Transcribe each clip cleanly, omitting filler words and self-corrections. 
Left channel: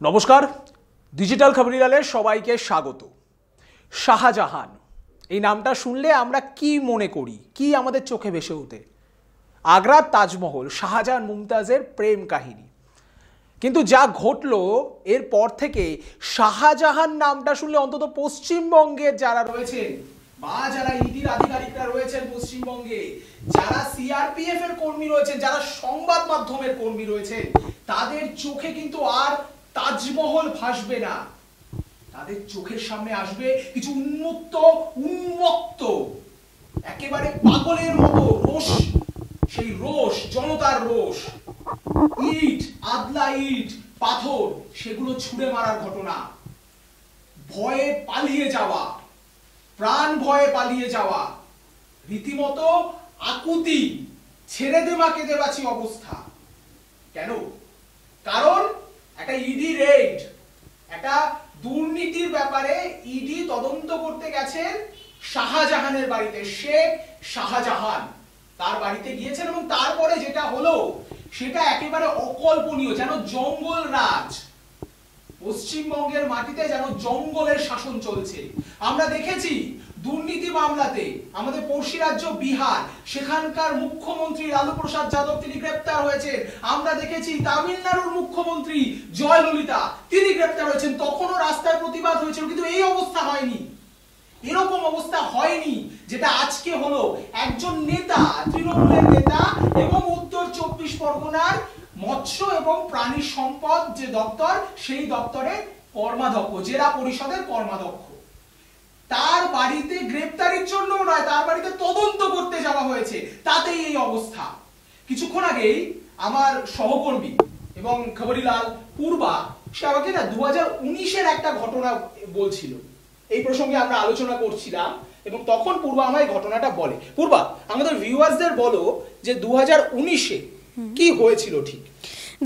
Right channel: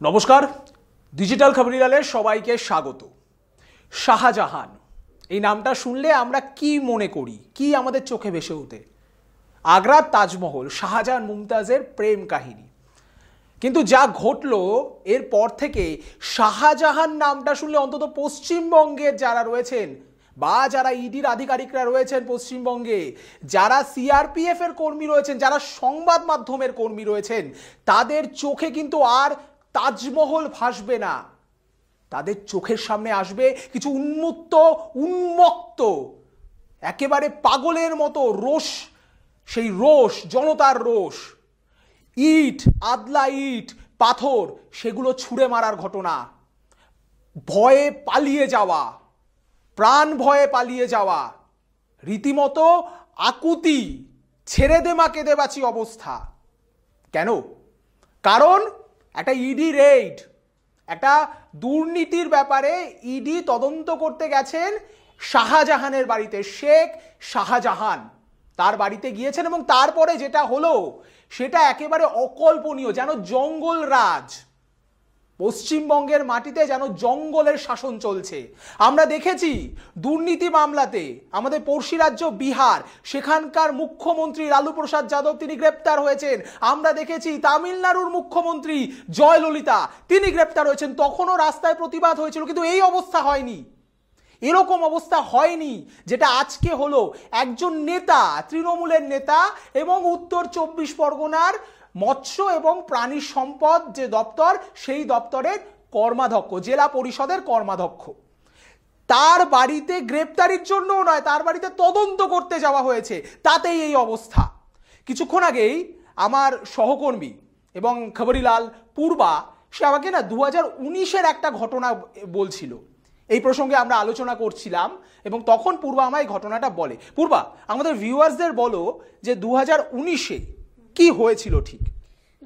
নমস্কার, ডিজিটাল খবরিলালে সবাইকে স্বাগত। শাহজাহান এই নামটা শুনলে আমরা কি মনে করি, কি আমাদের চোখে ভেসে ওঠে? আগ্রার তাজমহল, শাহজাহান মুমতাজের প্রেম কাহিনী। কিন্তু যা ঘটলো এরপর থেকে শাহজাহান নামটা শুনলে অন্তত পশ্চিমবঙ্গের যারা রয়েছেন বা যারা ইডির আধিকারিকরা রয়েছেন পশ্চিমবঙ্গে, যারা সিআরপিএফ এর কর্মী রয়েছেন, যারা সংবাদ মাধ্যমের কর্মী রয়েছেন, তাদের চোখে কিন্তু আর তাজমহল ভাসবে না। তাদের চোখের সামনে আসবে কিছু উন্মত্ত একেবারে পাগলের মতো রোষ, সেই রোষ, জনতার রোষ, ইট, আদলা ইট, পাথর, সেগুলো ছুঁড়ে মারার ঘটনা, ভয়ে পালিয়ে যাওয়া, প্রাণ ভয়ে পালিয়ে যাওয়া, রীতিমতো আকুতি, ছেড়ে দে মা কেঁদে বাঁচি অবস্থা। কেন? কারণ একটা ইডি রেড, একটা দুর্নীতির ব্যাপারে ইডি তদন্ত করতে গেছেন শাহজাহানের বাড়িতে। শেখ শাহজাহান তার বাড়িতে গিয়েছেন এবং তারপরে যেটা হলো সেটা একেবারে অকল্পনীয়, যেন জঙ্গল রাজ। পশ্চিমবঙ্গের মাটিতে যেন জঙ্গলের শাসন চলছে। আমরা দেখেছি দুর্নীতি মামলাতে আমাদের পড়শি রাজ্য বিহার, সেখানকার মুখ্যমন্ত্রী লালু প্রসাদ যাদব তিনি গ্রেপ্তার হয়েছেন। আমরা দেখেছি তামিলনাড়ুর মুখ্যমন্ত্রী জয়ললিতা তিনি গ্রেপ্তার হয়েছেন। তখনও রাস্তায় প্রতিবাদ হয়েছিল, কিন্তু এই অবস্থা হয়নি, এরকম অবস্থা হয়নি যেটা আজকে হলো। একজন নেতা, তৃণমূলের নেতা এবং উত্তর 24 পরগনার মৎস্য এবং প্রাণী সম্পদ যে দপ্তর, সেই দপ্তরের কর্মাধ্যক্ষ, জেলা পরিষদের কর্মাধ্যক্ষ, তার বাড়িতে গ্রেপ্তারির জন্য নয়, তার বাড়িতে তদন্ত করতে যাওয়া হয়েছে, তাতেই এই অবস্থা। কিছুক্ষণ আগেই আমার সহকর্মী এবং খবরিলাল পূর্বা, সে আমাকে না 2019-এর একটা ঘটনা বলছিল। এই প্রসঙ্গে আমরা আলোচনা করছিলাম এবং তখন পূর্বা আমায় ঘটনাটা বলে। পূর্বা, আমাদের ভিউয়ার্সদের বলো যে 2019-এ কি হয়েছিল ঠিক।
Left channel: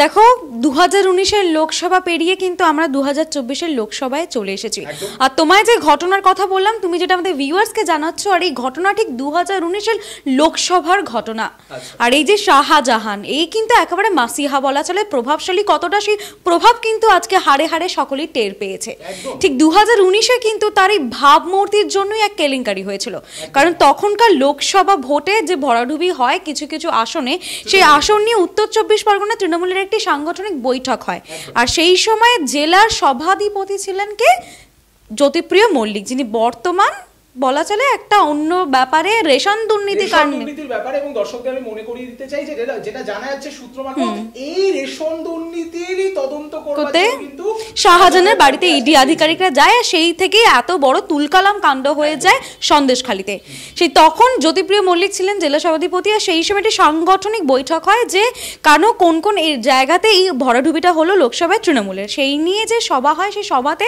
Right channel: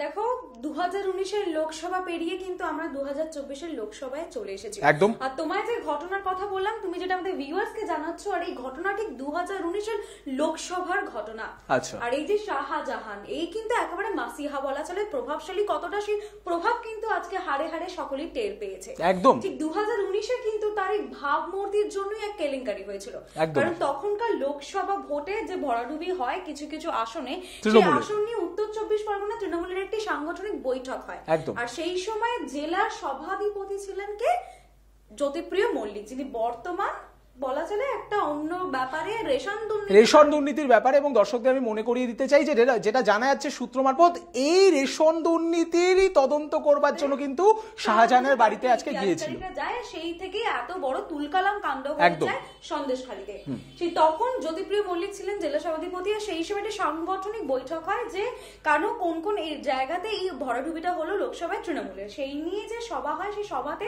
দেখো, 2019-এর লোকসভা পেরিয়ে কিন্তু আমরা 2024-এর লোকসভায় চলে এসেছি। আর তোমায় যে ঘটনার কথা বললাম, তুমি যেটা আমাদের ভিউয়ার্সকে জানাচ্ছ, আর এই ঘটনা ঠিক 2019-এর লোকসভার ঘটনা। আর এই যে শাহজাহান, এই কিন্তু একেবারে মাসিহা বলা চলে। প্রভাবশালী কতটা, সেই প্রভাব কিন্তু আজকে হাড়ে হাড়ে সকলেই টের পেয়েছে। ঠিক 2019-এ কিন্তু তার এই ভাবমূর্তির জন্যই এক কেলেঙ্কারি হয়েছিল। কারণ তখনকার লোকসভা ভোটে যে ভরাডুবি হয় কিছু কিছু আসনে, সেই আসন নিয়ে উত্তর 24 পরগনা তৃণমূলের একটি সাংগঠনিক বৈঠক হয়। আর সেই সময় জেলার সভাধিপতি ছিলেন কে? জ্যোতিপ্রিয় মল্লিক, যিনি বর্তমান বলা চলে একটা অন্য ব্যাপারে রেশন দুর্নীতির ব্যাপারে। এবং দর্শকদের আমি মনে করিয়ে দিতে চাই যে যেটা জানা যাচ্ছে সূত্র মারফত, এই রেশন দুর্নীতিরই তদন্ত করতে কিন্তু শাহজাহানের বাড়িতে ইডি আধিকারিকরা যায়। সেই থেকে এত বড় তুলকালাম কাণ্ড হয়ে যায় সন্দেশখালীতে। সেই তখন জ্যোতিপ্রিয় মল্লিক ছিলেন জেলা সভাধিপতি। আর সেই সময় একটি সাংগঠনিক বৈঠক হয় যে কেন কোন কোন এই জায়গাতে এই ভরাডুবিটা হলো লোকসভায় তৃণমূলের, সেই নিয়ে যে সভা হয়, সেই সভাতে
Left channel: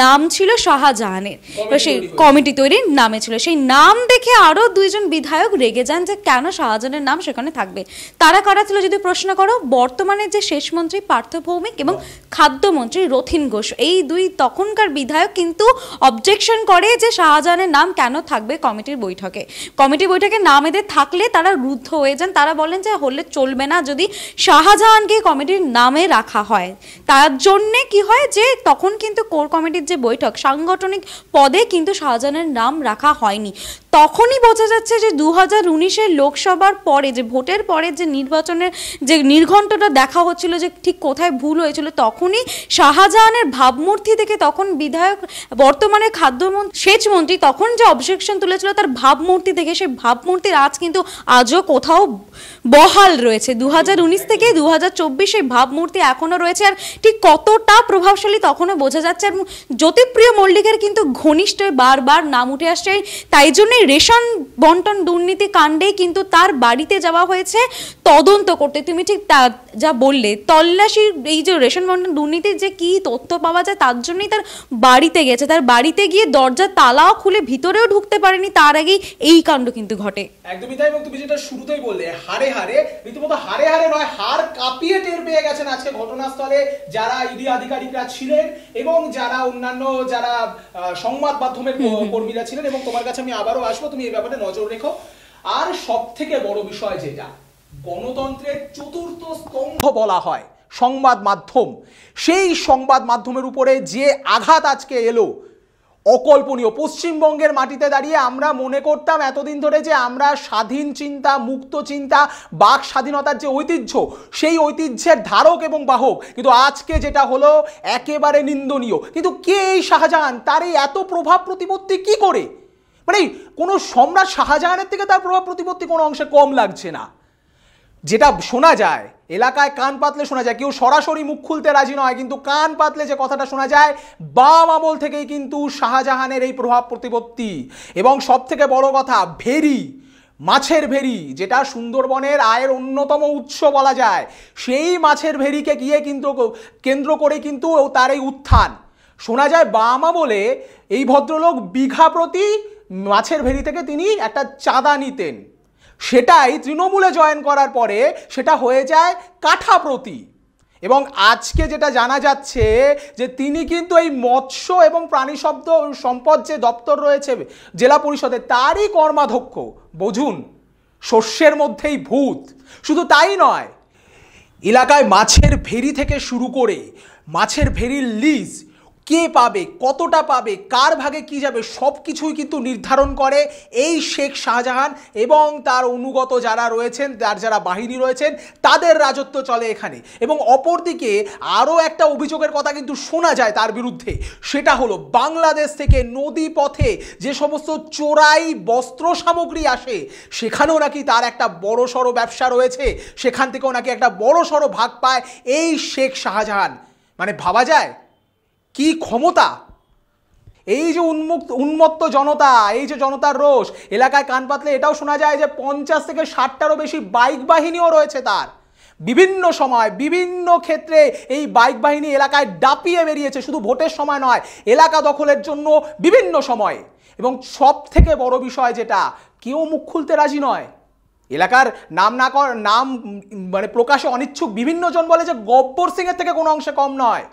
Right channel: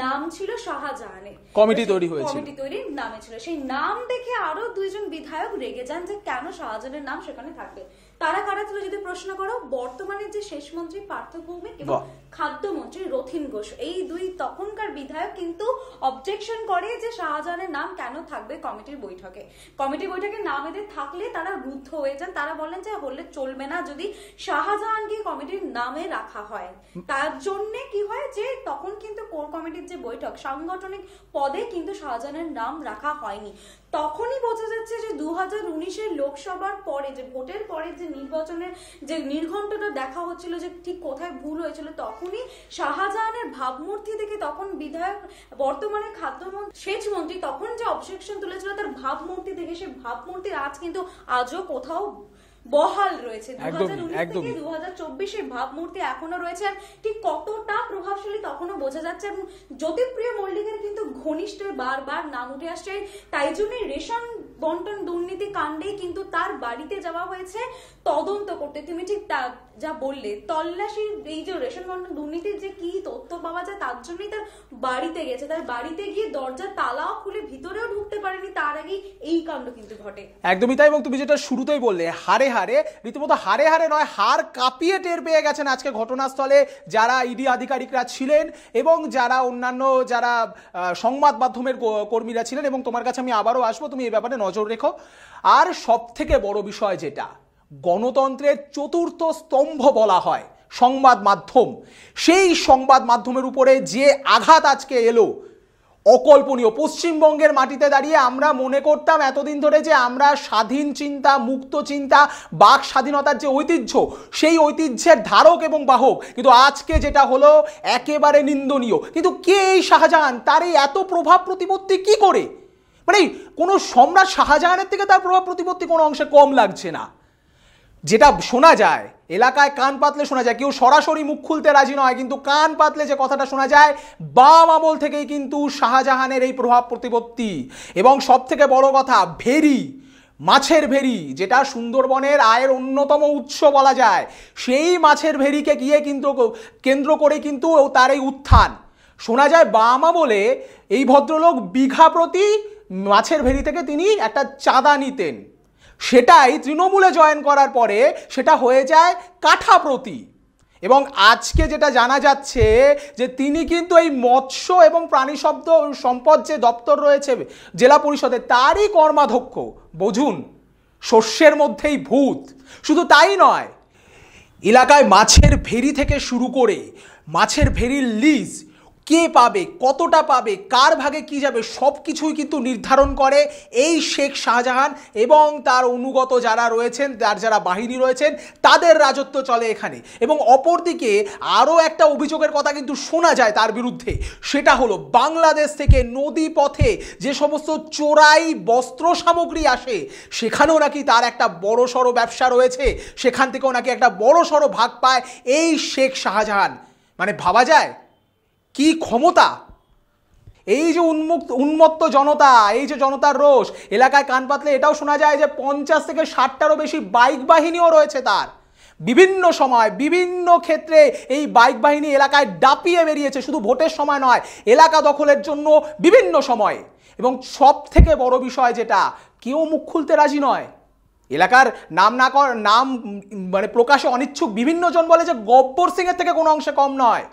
নাম ছিল শাহজাহানের, সেই কমিটি তৈরি নামে ছিল। সেই নাম দেখে আরো দুইজন বিধায়ক রেগে যান যে কেন শাহজাহানের নাম সেখানে থাকবে। তারা কারা ছিল যদি প্রশ্ন করো? বর্তমানে যে শেষ মন্ত্রী পার্থ ভৌমিক এবং খাদ্যমন্ত্রী রথীন ঘোষ, এই দুই তখনকার বিধায়ক কিন্তু অবজেকশন করে যে শাহজাহানের নাম কেন থাকবে কমিটির বৈঠকে। কমিটির বৈঠকে নাম এদের থাকলে তারা রুদ্ধ হয়ে যান। তারা বলেন যে হলে চলবে না যদি শাহজাহানকে কমিটির নামে রাখা হয়। তার জন্য কি হয় যে তখন কিন্তু কোর কমিটির যে বৈঠক, সাংগঠনিক পদে কিন্তু শাহজাহানের নাম রাখা হয়নি। তখনই বোঝা যাচ্ছে যে 2019-এর লোকসভার পরে, যে ভোটের পরে যে নির্বাচনের যে নির্ঘণ্টটা দেখা হচ্ছিল যে ঠিক কোথায় ভুল হয়েছিল, তখনই শাহজাহানের ভাবমূর্তি থেকে তখন বিধায়ক, বর্তমানে সেচ মন্ত্রী, তখন যে অবজেকশন তুলেছিল তার ভাবমূর্তি থেকে, সেই ভাবমূর্তির আজ কিন্তু আজও কোথাও বহাল রয়েছে। 2019 থেকে 2024 এই ভাবমূর্তি এখনো রয়েছে। আর ঠিক কতটা প্রভাবশালী তখনও বোঝা যাচ্ছে। এবং জ্যোতিপ্রিয় মল্লিকের কিন্তু ঘনিষ্ঠ বারবার নাম উঠে আসছে। তাই জন্যই রেশন বন্টন দুর্নীতি কাণ্ডে কিন্তু তার বাড়িতে যাওয়া হয়েছে তদন্ত করতে। তুমি ঠিক যা বললে, তল্লাশির এই যে রেশন বন্টন দুর্নীতির যে কি তথ্য পাওয়া যায়, তার জন্যই তার বাড়িতে গেছে। তার বাড়িতে গিয়ে দরজা তালাও খুলে ভিতরেও ঢুকতে পারেনি, তার আগেই এই কাণ্ড কিন্তু ঘটে। একদমই তাই। এবং তুমি যেটা শুরুতেই বললে, হারে হারে, রীতিমতো হারে হারে নয়, হার কাঁপিয়ে টের পেয়ে গেছেন আজকে ঘটনাস্থলে যারা ইডি আধিকারিকরা ছিলেন এবং যারা অন্যান্য যারা সংবাদ মাধ্যমের কর্মীরা ছিলেন। এবং তোমার কাছে আমি আবারও আসবো, তুমি এই ব্যাপারে নজর রেখো। আর সব থেকে বড় বিষয় যেটা গণতন্ত্রের চতুর্থ স্তম্ভ বলা হয়, সংবাদ মাধ্যম, সেই সংবাদ মাধ্যমের উপরে যে আঘাত আজকে এলো অকল্পনীয়। পশ্চিমবঙ্গের মাটিতে দাঁড়িয়ে আমরা মনে করতাম এতদিন ধরে যে আমরা স্বাধীন চিন্তা, মুক্ত চিন্তা, বাক স্বাধীনতার যে ঐতিহ্য, সেই ঐতিহ্যের ধারক এবং বাহক, কিন্তু আজকে যেটা হলো একেবারে নিন্দনীয়। কিন্তু কে এই শাহজাহান? তার এই এত প্রভাব প্রতিপত্তি কি করে? মানে কোনো সম্রাট শাহজাহানের থেকে তার প্রভাব প্রতিপত্তি কোনো অংশে কম লাগছে না। যেটা শোনা যায়, এলাকায় কান পাতলে শোনা যায়, কেউ সরাসরি মুখ খুলতে রাজি নয়, কিন্তু কান পাতলে যে কথাটা শোনা যায়, বাম আমল থেকেই কিন্তু শাহজাহানের এই প্রভাব প্রতিপত্তি। এবং সব থেকে বড় কথা, ভেরি, মাছের ভেরি, যেটা সুন্দরবনের আয়ের অন্যতম উৎস বলা যায়, সেই মাছের ভেরিকে গিয়ে কিন্তু কেন্দ্র করে কিন্তু তার এই উত্থান। শোনা যায় বাম আমলে এই ভদ্রলোক বিঘা প্রতি মাছের ভেরি থেকে তিনি একটা চাঁদা নিতেন, সেটাই তৃণমূলে জয়েন করার পরে সেটা হয়ে যায় কাঠা প্রতি। এবং আজকে যেটা জানা যাচ্ছে যে তিনি কিন্তু এই মৎস্য এবং প্রাণী সম্পদ যে দপ্তর রয়েছে জেলা পরিষদে, তারই কর্মাধ্যক্ষ। বুঝুন, শস্যের মধ্যেই ভূত। শুধু তাই নয়, এলাকায় মাছের ভেরি থেকে শুরু করে মাছের ভেরির লিজ কে পাবে, কতটা পাবে, কার ভাগে কি যাবে, সব কিছুই কিন্তু নির্ধারণ করে এই শেখ শাহজাহান এবং তার অনুগত যারা রয়েছেন, তার যারা বাহিনী রয়েছেন, তাদের রাজত্ব চলে এখানে। এবং অপরদিকে আরও একটা অভিযোগের কথা কিন্তু শোনা যায় তার বিরুদ্ধে, সেটা হলো বাংলাদেশ থেকে নদী পথে যে সমস্ত চোরাই বস্ত্র সামগ্রী আসে, সেখানেও নাকি তার একটা বড়সড় ব্যবসা রয়েছে, সেখান থেকেও নাকি একটা বড়সড় ভাগ পায় এই শেখ শাহজাহান। মানে ভাবা যায় কি ক্ষমতা! এই যে উন্মত্ত জনতা, এই যে জনতার রোষ, এলাকায় কান পাতলে এটাও শোনা যায় যে 50 থেকে 60টারও বেশি বাইক বাহিনীও রয়েছে তার। বিভিন্ন সময় বিভিন্ন ক্ষেত্রে এই বাইক বাহিনী এলাকায় ডাপিয়ে বেরিয়েছে, শুধু ভোটের সময় নয়, এলাকা দখলের জন্য বিভিন্ন সময়। এবং সব থেকে বড় বিষয় যেটা, কেউ মুখ খুলতে রাজি নয়। এলাকার নাম মানে প্রকাশে অনিচ্ছুক বিভিন্ন জন বলে যে গব্বর সিংয়ের থেকে কোনো অংশে কম নয়।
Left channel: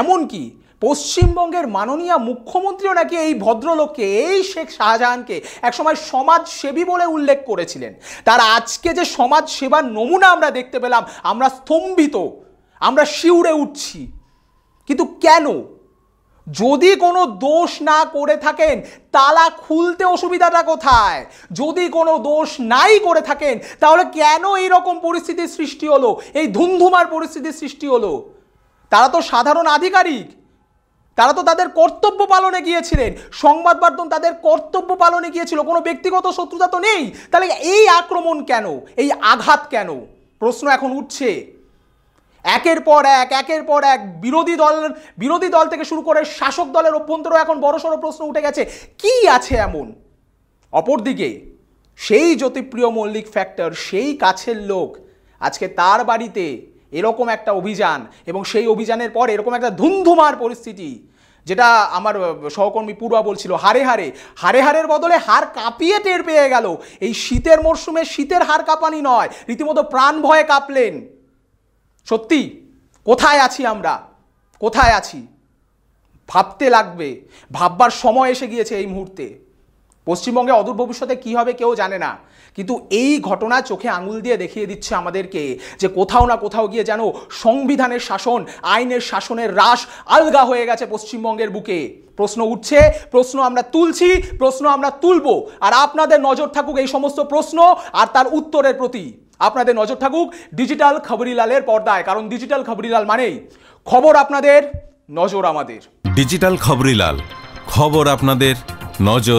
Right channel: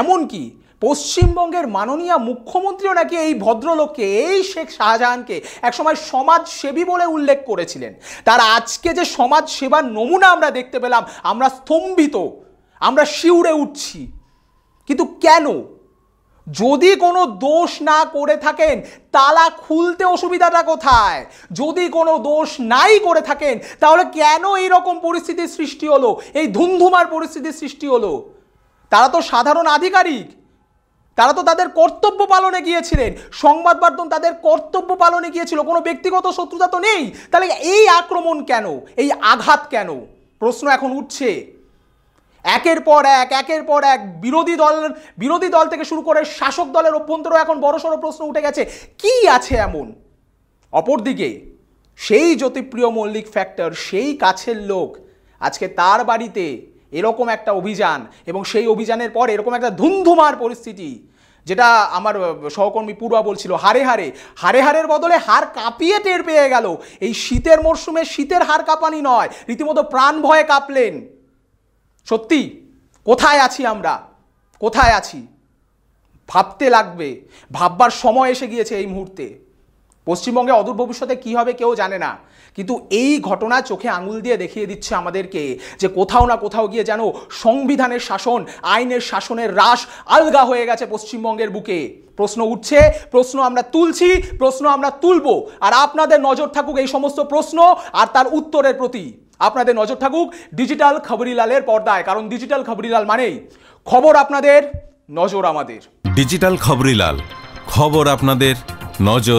এমনকি পশ্চিমবঙ্গের মাননীয় মুখ্যমন্ত্রীও নাকি এই ভদ্রলোককে, এই শেখ শাহজাহানকে একসময় সমাজসেবী বলে উল্লেখ করেছিলেন। তার আজকে যে সমাজ সেবার নমুনা আমরা দেখতে পেলাম, আমরা স্তম্ভিত, আমরা শিউরে উঠছি। কিন্তু কেন? যদি কোনো দোষ না করে থাকেন, তালা খুলতে অসুবিধাটা কোথায়? যদি কোনো দোষ নাই করে থাকেন, তাহলে কেন এইরকম পরিস্থিতির সৃষ্টি হলো, এই ধুমধুমার পরিস্থিতির সৃষ্টি হলো? তারা তো সাধারণ আধিকারিক, তারা তো তাদের কর্তব্য পালনে গিয়েছিলেন, সংবাদ মাধ্যম তাদের কর্তব্য পালনে গিয়েছিল, কোনো ব্যক্তিগত শত্রুতা তো নেই। তাহলে এই আক্রমণ কেন, এই আঘাত কেন? প্রশ্ন এখন উঠছে। একের পর এক বিরোধী দল থেকে শুরু করে শাসক দলের অভ্যন্তরেও এখন বড়সড় প্রশ্ন উঠে গেছে, কি আছে এমন? অপরদিকে সেই জ্যোতিপ্রিয় মল্লিক ফ্যাক্টর, সেই কাছের লোক, আজকে তার বাড়িতে এরকম একটা অভিযান, এবং সেই অভিযানের পর এরকম একটা ধুমধুমার পরিস্থিতি, যেটা আমার সহকর্মী পূর্বা বলছিল, হারের বদলে হাড় কাঁপিয়ে টের পেয়ে গেল। এই শীতের মরশুমে শীতের হাড় কাঁপানি নয়, রীতিমতো প্রাণ ভয়ে কাঁপলেন। সত্যি কোথায় আছি আমরা, কোথায় আছি? ভাবতে লাগবে, ভাববার সময় এসে গিয়েছে এই মুহূর্তে। পশ্চিমবঙ্গে অদূর ভবিষ্যতে কী হবে কেউ জানে না, কিন্তু এই ঘটনা চোখে আঙুল দিয়ে দেখিয়ে দিচ্ছে আমাদেরকে যে কোথাও না কোথাও গিয়ে যেন সংবিধানের শাসন, আইনের শাসনের রাশ আলগা হয়ে গেছে পশ্চিমবঙ্গের বুকে। প্রশ্ন উঠছে, প্রশ্ন আমরা তুলছি, প্রশ্ন আমরা তুলব। আর আপনাদের নজর থাকুক এই সমস্ত প্রশ্ন আর তার উত্তরের প্রতি। আপনাদের নজর থাকুক ডিজিটাল খবরিলালের পর্দায়, কারণ ডিজিটাল খবরিলাল মানেই খবর আপনাদের, নজর আমাদের। ডিজিটাল খবরিলাল, খবর আপনাদের, নজর